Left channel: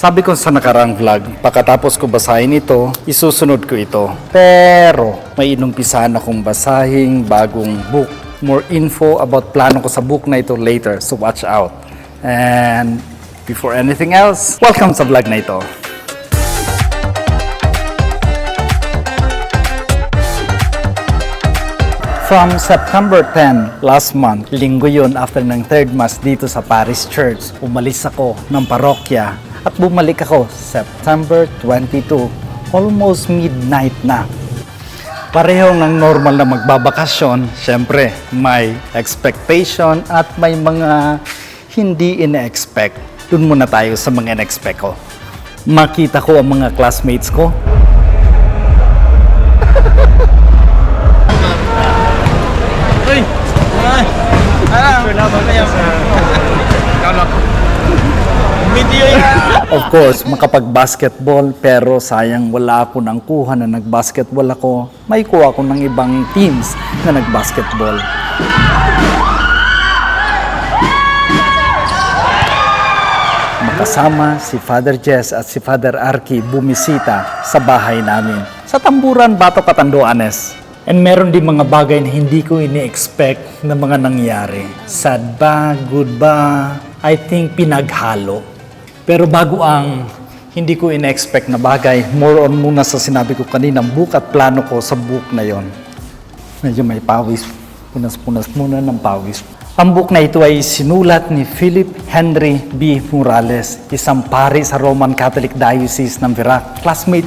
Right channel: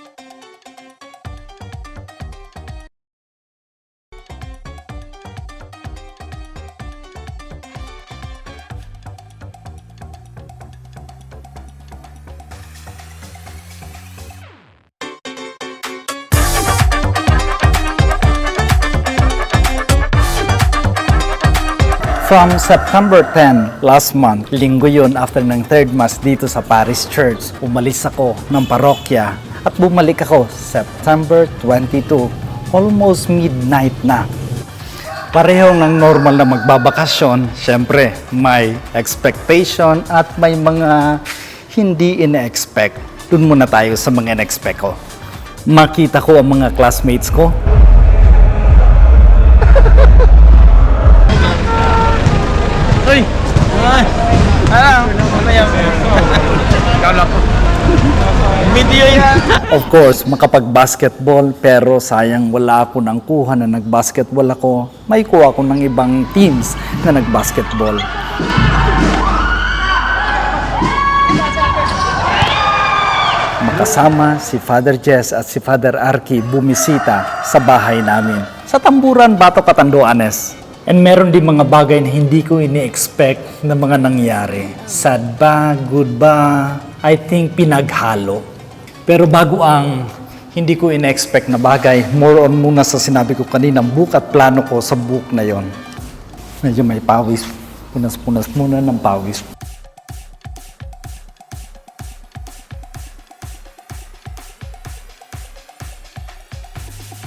Sabi ko sa nakarang vlog, pagkatapos ko basahin ito, isusunod ko ito. Pero may inumpisahan akong basahing bagong book. More info about plano ko sa book na ito later, so watch out. And before anything else, welcome sa vlog na ito. From September 10, last month, linggo yun after ng third mass dito sa Paris Church, umalis ako ng parokya at bumalik ako September 22, almost midnight na. Pareho ng normal na magbabakasyon, syempre may expectation at may mga hindi ina-expect. Doon muna tayo sa mga ina-expect ko. Makita ko ang mga classmates ko. Uy! Video yan! Of course, makapag-basketball pero sayang wala ako ng kuha na nag-basketball ako. May kuha ako ng ibang teams na nag-basketball. Makasama si Father Jess at si Father Arky bumisita sa bahay namin sa Tamburan, Bato, Catanduanes. And meron din mga bagay na hindi ko ini-expect na mga nangyari. Sad ba? Good ba? I think pinaghalo. Pero bago ang hindi ko in-expect na bagay, more on muna sa sinabi ko kaninang book at plano ko sa book na yon. Medyo may pawis. Punas-punas muna ng pawis. Ang book na ito ay sinulat ni Philip Henry B. Morales, isang pari sa Roman Catholic Diocese ng Virac. Classmate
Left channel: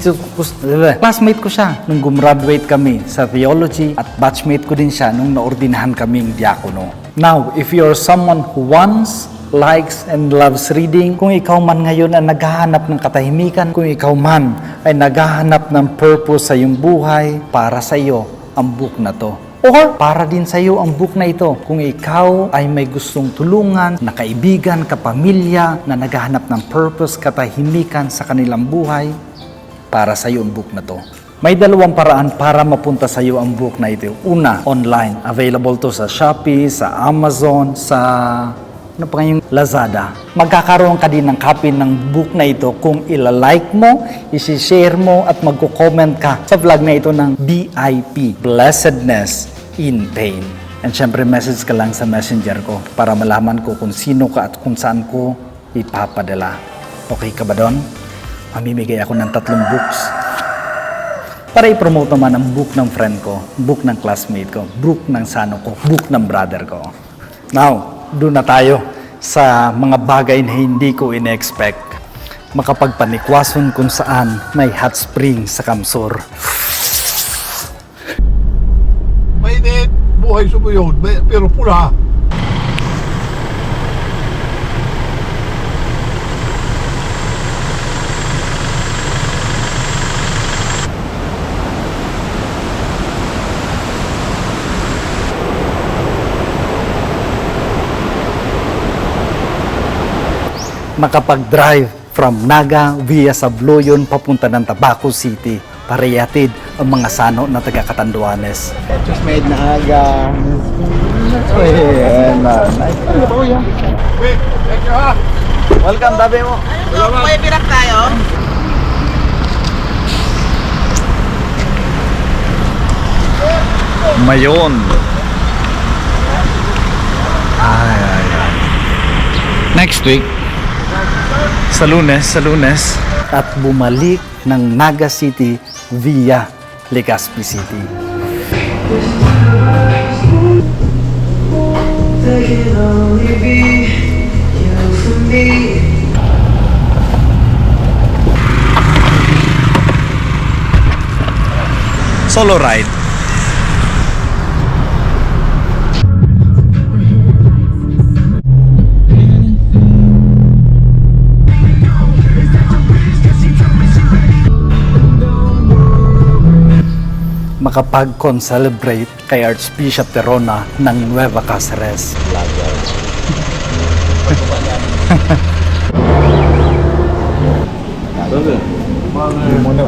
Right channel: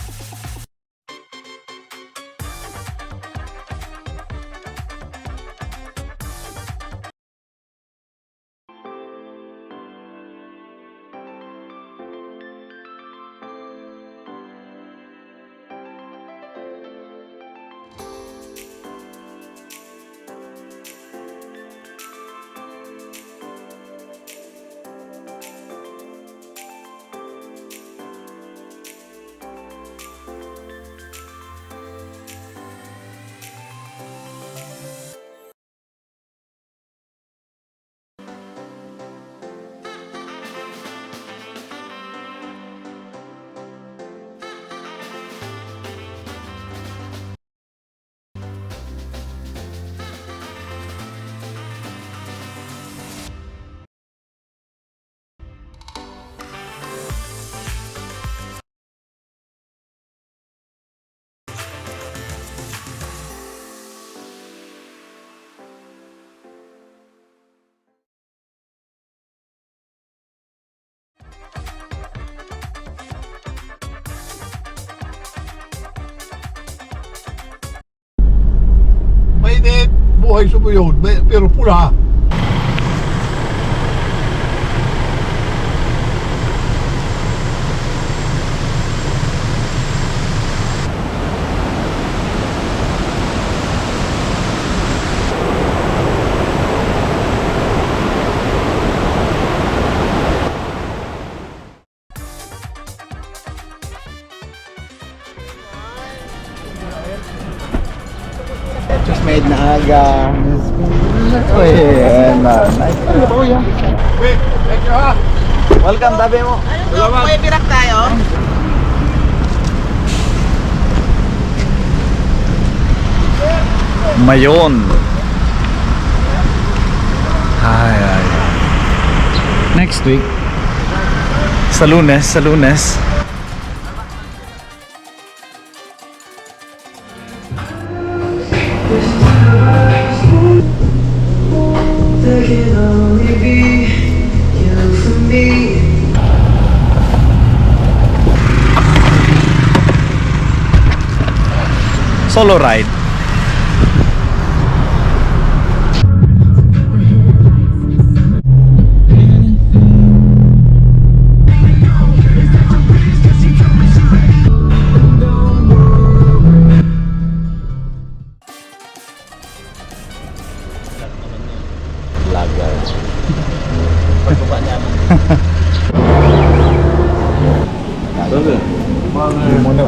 ko siya nung gumraduate kami sa theology at batchmate ko din siya nung naordinahan kaming diakono. Now, if you're someone who wants, likes, and loves reading, kung ikaw man ngayon ay naghahanap ng katahimikan, kung ikaw man ay naghahanap ng purpose sa iyong buhay, para sa iyo ang book na to. Or para din sa iyo ang book na ito kung ikaw ay may gustong tulungan na kaibigan, kapamilya na naghahanap ng purpose, katahimikan sa kanilang buhay, para sa iyo ang book na to. May dalawang paraan para mapunta sa iyo ang book na ito. Una, online. Available to sa Shopee, sa Amazon, sa Lazada. Magkakaroon ka din ng copy ng book na ito kung ilalike mo, isi-share mo at magko-comment ka sa vlog na ito ng BIP, Blessedness in Pain. And syempre message ka lang sa messenger ko para malaman ko kung sino ka at kung saan ko ipapadala. Okay ka ba doon? Mamimigay ako ng 3 books. Para i-promote naman ang book ng friend ko, book ng classmate ko, book ng sano ko, book ng brother ko. Now, doon na tayo sa mga bagay na hindi ko in-expect. Makapagpanikwason kung saan may hot spring sa Kamsur. Mainit, buhay sa yun, pero pula. Makapag-drive from Naga via Sabloyon papunta ng Tabaco City para ihatid ang mga sano na taga Catanduanes. Just made na aga. Nice. Wait, thank you ha. Welcome, tabi mo. Ano to? May birak tayo? Mayon. Ay. Next week, sa Lunes, at bumalik ng Naga City via Legazpi City. Solo ride. Makapag-concelebrate kay Archbishop Terona ng Nueva Cáceres.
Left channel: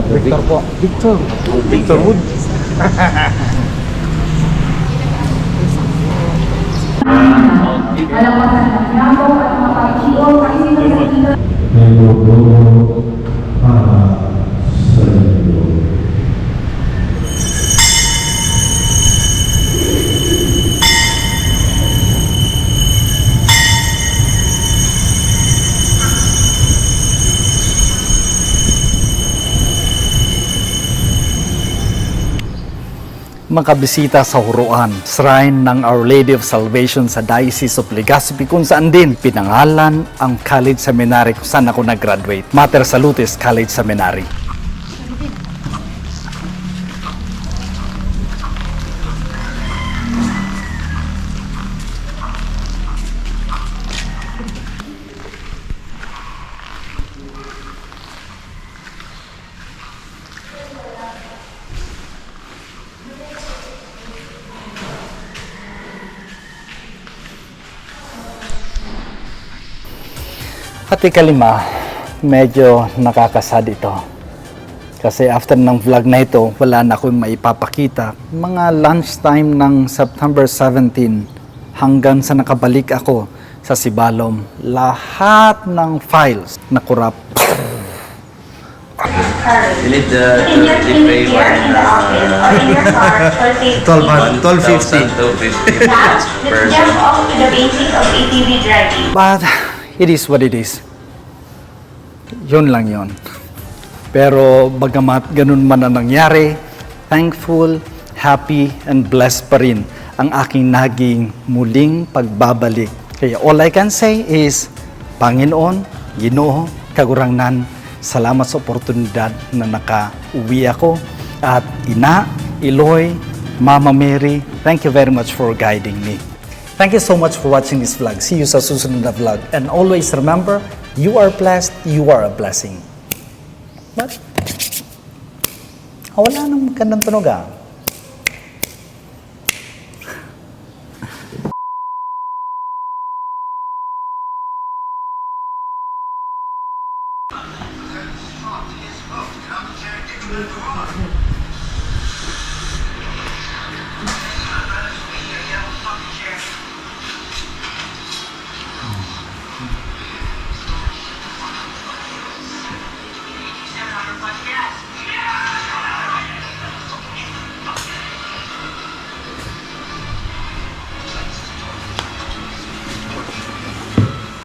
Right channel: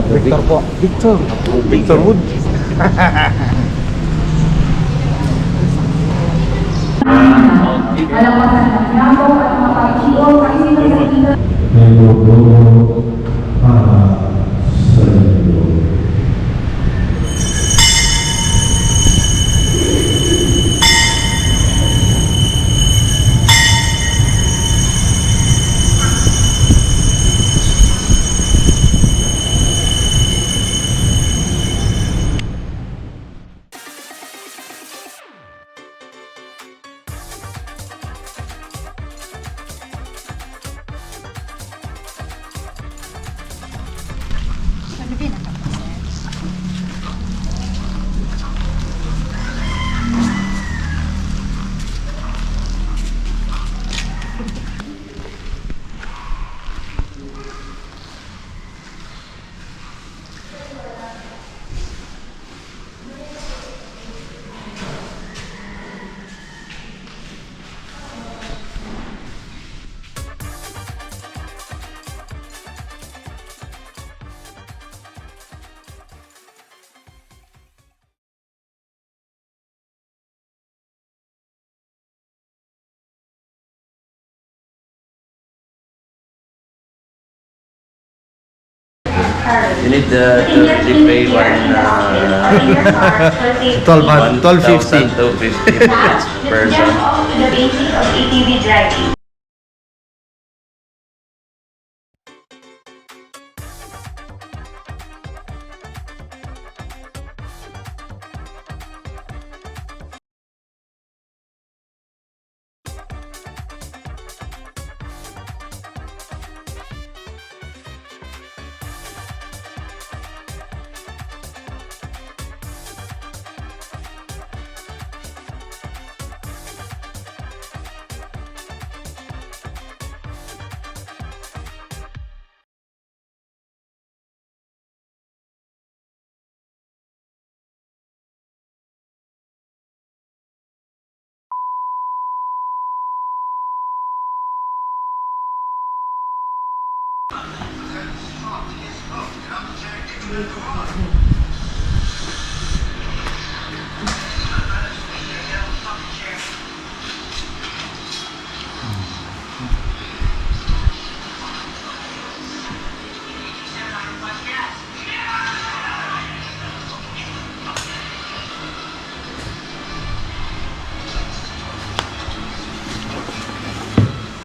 Victor po. Victor Wood. Alawasan ng Nago at mga pagkiol kasi sa makabisita sa Huruan, shrine ng Our Lady of Salvation sa Diocese of Legazpi, kung saan din pinangalan ang college seminary kung saan ako nag-graduate, Mater Salutis College Seminary. At ikalima, medyo nakakasad ito. Kasi after ng vlog na ito, wala na akong maipapakita. Mga lunchtime ng September 17 hanggang sa nakabalik ako sa Sibalom, lahat ng files na corrupt. You need to pay 1250. 1,250 person. The basics of ATV driving. But it is what it is. Yun lang yun. Pero bagamat ganun man ang nangyari, thankful, happy, and blessed pa rin ang aking naging muling pagbabalik. Kaya all I can say is, Panginoon, Ginoo, Kagurangnan, salamat sa oportunidad na nakauwi ako. At Ina, Eloy, Mama Mary, thank you very much for guiding me. Thank you so much for watching this vlog. See you sa susunod na vlog. And always remember, you are blessed, you are a blessing. But, wala nang magandang tunog ah. Thank you.